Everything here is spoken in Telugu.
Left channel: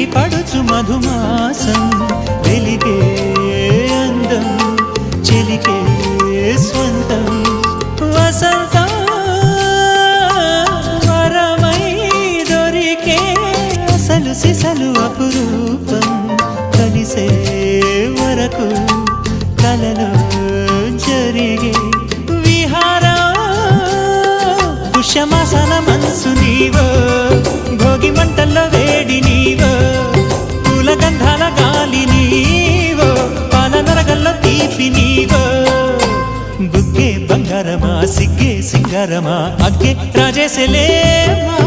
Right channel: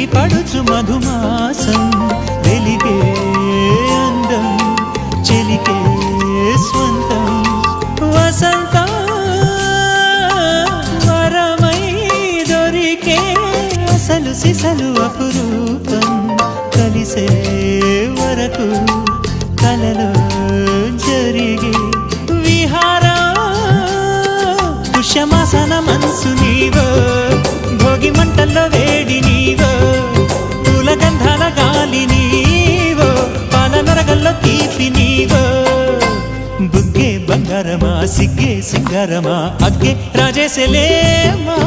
చిలిపి పడుచు మధుమాసం వెలిగే అందం చెలికే స్వంతం వసంతం వరమై దొరికే అసలు సిసలు అపురూపం కలిసే వరకు కలలో జరిగే విహారం పుష్యమాసన మనసు నీవో భోగి మంటల్లో వేడి నీవో పూల గంధాల గాలి నీవో పాల నరగల్లో తీపి నీవో బుగ్గే బంగారమా సిగ్గే సింగారమా అగ్గే రాజేసెలేమా